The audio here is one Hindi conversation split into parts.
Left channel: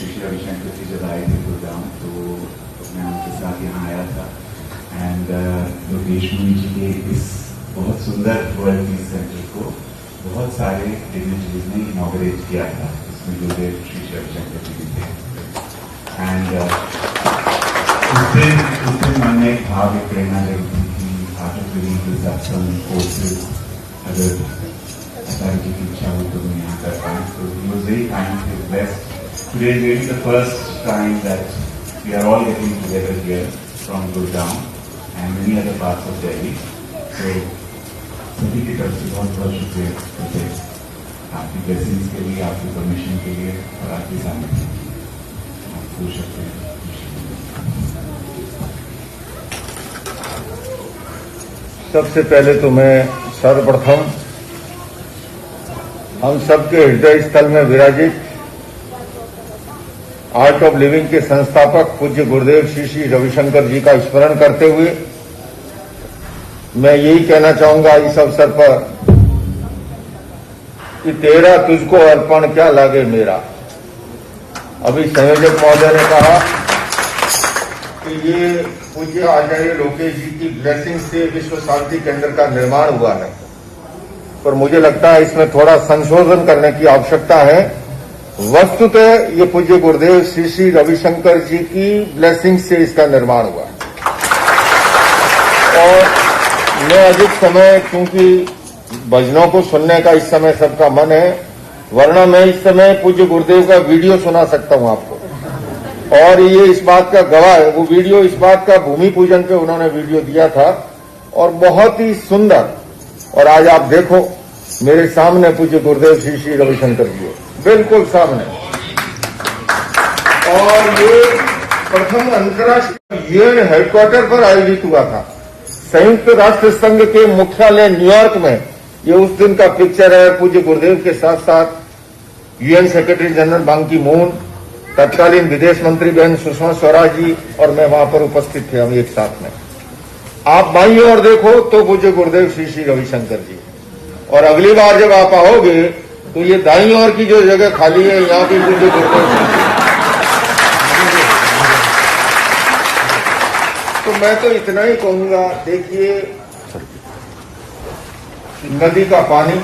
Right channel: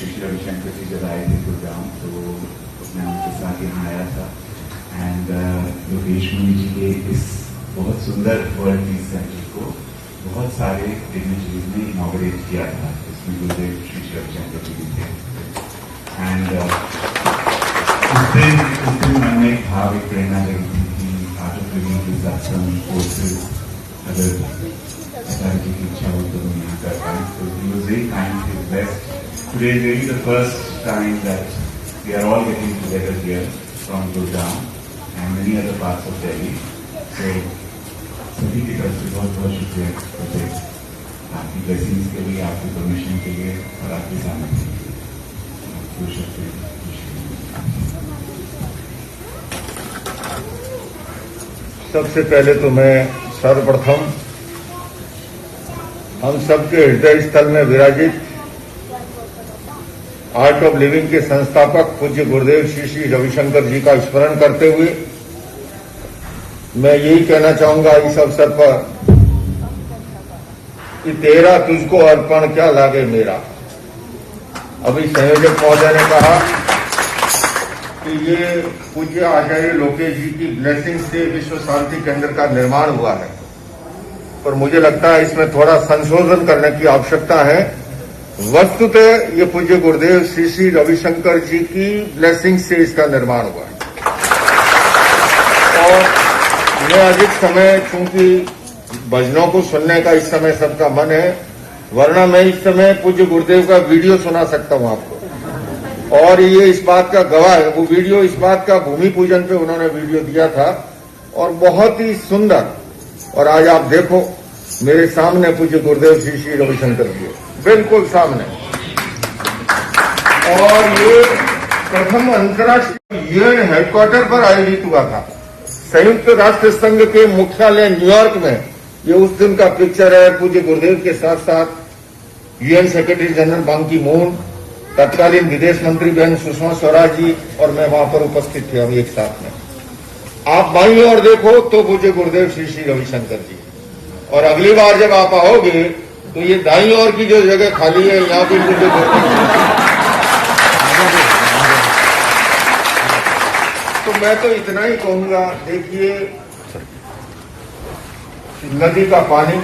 श्री रविशंकर जी जब आए थे गुड़गांव तो मैं उनके साथ यहाँ आया था एंड योगेश मुनि जी के इस बहुत सुंदर वर्ल्ड पीस सेंटर को बहुत सारे डिग्नेटरीज ने इनॉग्रेट किया था। इसमें गुरुदेव श्री रविशंकर जी भी थे एंड उस दिन मन में एक भाव एक प्रेरणा जगी थी कि आर्ट ऑफ लिविंग कोर्सेज अगर अचार्य की इच्छा हो तो हम यहाँ कर पाए। So he was very kindly blessed. Today is really the first time that we are all getting together here from Gurgaon and many other parts of Delhi. So सभी की तरफ से बहुत बहुत शुक्रिया करते आपकी ब्लेसिंग्स के लिए, आपकी परमिशन के लिए और आपके सामने आपको शुक्रिया। सबसे पहले तो मैं सर्वप्रथम हम सबके हृदय स्थल में विराजित आर्ट ऑफ लिविंग के संस्थापक पूज्य गुरुदेव श्री श्री रविशंकर जी का स्मरण करते हुए मैं यही कहना चाहूंगा इस अवसर पर कि तेरा तुझको अर्पण क्या लागे मेरा। अभी संयोजक महोदय ने कहा कि ये पूज्य आचार्य लोकेश जी की ब्लेसिंग से विश्व शांति केंद्र का निर्माण हुआ है, पर मुझे लगता है इसमें थोड़ा संशोधन करने की आवश्यकता है। वस्तुतः ये पूज्य गुरुदेव श्री श्री रविशंकर जी की ब्लेसिंग से इसका निर्माण हुआ है और मैं अधिक समय चूंकि भजनों को सुनने का इस समय सबका मन है, वरना मैं इस समय पूज्य गुरुदेव का वीडियो सुना सकता हूं आपको और ये इस बात का गवाह है। वो वीडियो इस बात का भूमि पूजन पे उन्होंने वीडियो दिया था और बहुत ही सुंदर। और आज आप देखो मेरे सामने पूज्य गुरुदेव श्री श्री रविशंकर जी बिल्कुल सामने और ये प्रथम अंतर्राष्ट्रीय यूएन हेडक्वार्टर पर आयोजित हुआ था। संयुक्त राष्ट्र संघ के मुख्यालय न्यूयॉर्क में ये उस दिन का पिक्चर है। पूज्य गुरुदेव के साथ साथ यूएन सेक्रेटरी जनरल बान की मून, तत्कालीन विदेश मंत्री बहन सुषमा स्वराज जी और मैं वहां पर उपस्थित थे हम एक साथ में। आप बाईं ओर देखो तो पूज्य गुरुदेव श्री श्री रविशंकर जी और अगली बार जब आप आओगे तो ये दाईं ओर की जो जगह खाली है यहाँ भी पूज्य गुरुदेव। तो मैं तो इतना ही कहूंगा, देखिए नदी का पानी,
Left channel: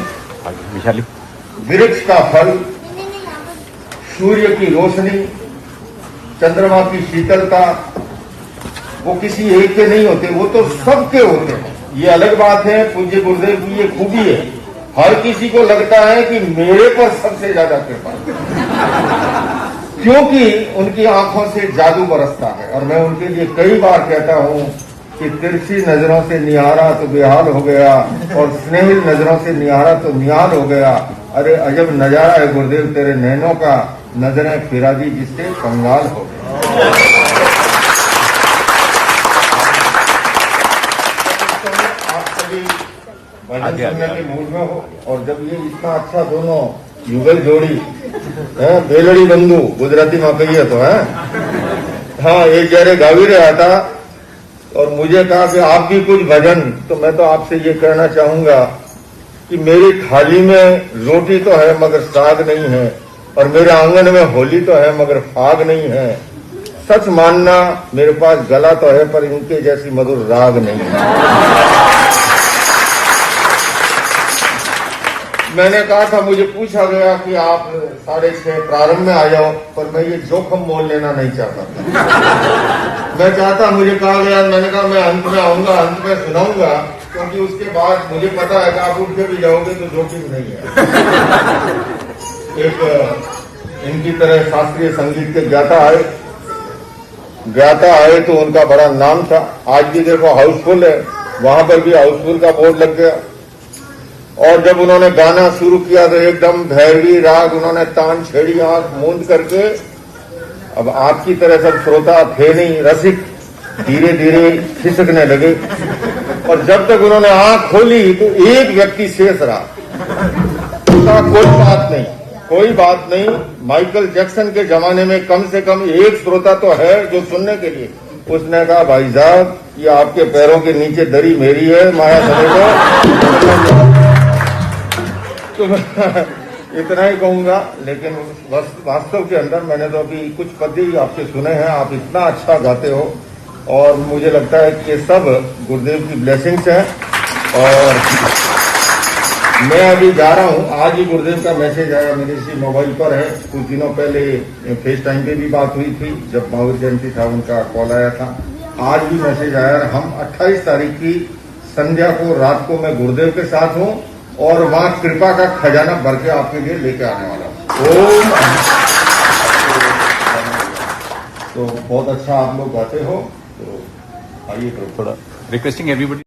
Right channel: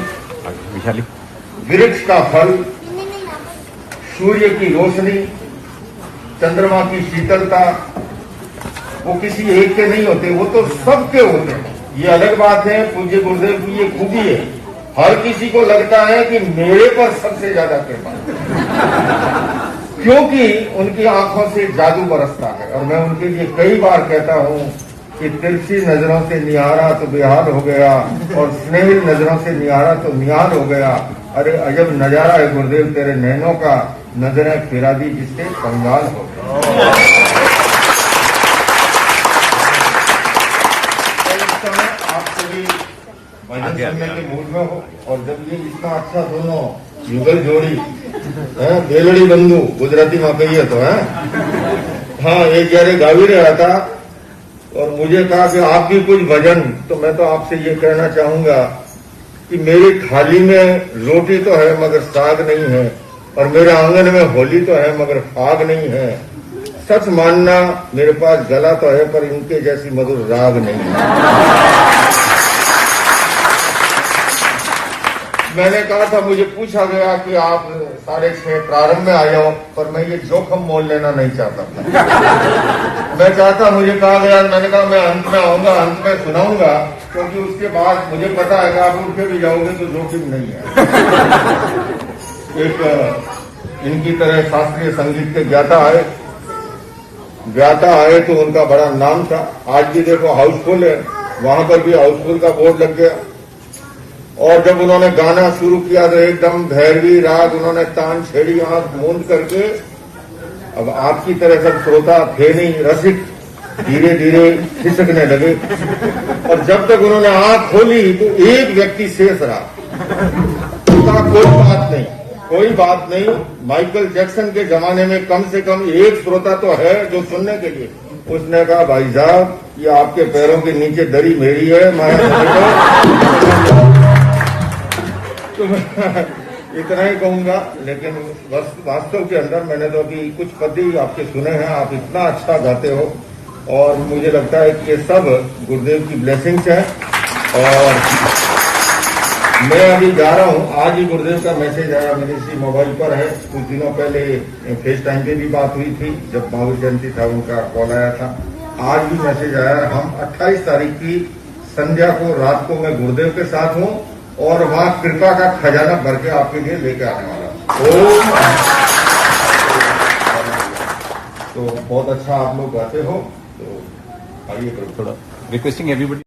वृक्ष का फल, सूर्य की रोशनी, चंद्रमा की शीतलता, वो किसी एक के नहीं होते, वो तो सबके होते हैं। ये अलग बात है, पूज्य गुरुदेव की ये खूबी है, हर किसी को लगता है कि मेरे पर सबसे ज्यादा कृपा क्योंकि उनकी आंखों से जादू बरसता है। और मैं उनके लिए कई बार कहता हूं कि तिरछी नजरों से निहारा तो बेहाल हो गया और स्नेहिल नजरों से निहारा तो निहाल हो गया। अरे अजब नजारा है गुरुदेव तेरे नैनों का, नजरें फिरा दी जिससे कंगाल हो गया। के मूड में हो और जब ये इतना अच्छा दोनों युगल जोड़ी है, बेलड़ी बंधु गुजराती में कहिए तो है, हाँ एक जरे गावी रहा था और मुझे कहा कि आपकी कुछ भजन, तो मैं तो आपसे ये कहना चाहूंगा कि मेरी थाली में रोटी तो है मगर साग नहीं है और मेरे आंगन में होली तो है मगर फाग नहीं है। सच मानना मेरे पास गला तो है पर इनके जैसी मधुर राग नहीं है। मैंने कहा था, मुझे पूछा गया कि आप 6:30 प्रारंभ में आ जाओ, पर मैं ये जोखम मोल लेना नहीं चाहता। मैं चाहता, मुझे कहा गया, मैंने कहा मैं अंत में आऊंगा, अंत में सुनाऊंगा, क्योंकि उसके बाद मुझे पता है कि आप उठ के भी जाओगे तो जोखिम नहीं है। एक इनकी तरह शास्त्रीय संगीत के ज्ञाता आए तो उनका बड़ा नाम था। आज भी देखो हाउसफुल है, वहां पर भी हाउसफुल का बोर्ड लग गया। और जब उन्होंने गाना शुरू किया तो एकदम भैरवी राग उन्होंने तान छेड़ी, आंख मूंद करके। अब आपकी तरह सब श्रोता थे नहीं, रसिक धीरे धीरे खिसकने लगे और जब तक उन्होंने आंख खोली तो एक व्यक्ति शेष रहा। कोई बात नहीं, माइकल जैक्सन के जमाने में कम से कम एक श्रोता तो है जो सुनने के लिए। उसने कहा, भाई साहब ये आपके पैरों के नीचे दरी मेरी है, इतना ही कहूंगा, लेकिन वास्तव के अंदर मैंने तो अभी कुछ पद ही आपके सुने हैं। आप इतना अच्छा गाते हो और मुझे लगता है कि ये सब गुरुदेव की ब्लेसिंग्स हैं। और मैं अभी जा रहा हूं, आज ही गुरुदेव का मैसेज आया मेरे इसी मोबाइल पर है। कुछ दिनों पहले फेस टाइम पे भी बात हुई थी, जब महावीर जयंती था उनका कॉल आया था। आज भी मैसेज आया। हम 28 तारीख की संध्या को, रात को मैं गुरुदेव के साथ हूं और वहां कृपा का खजाना भर के आपके लिए लेके आने वाला हूं। तो बहुत अच्छा आप लोग गाते हो, तो आइए थोड़ा requesting everybody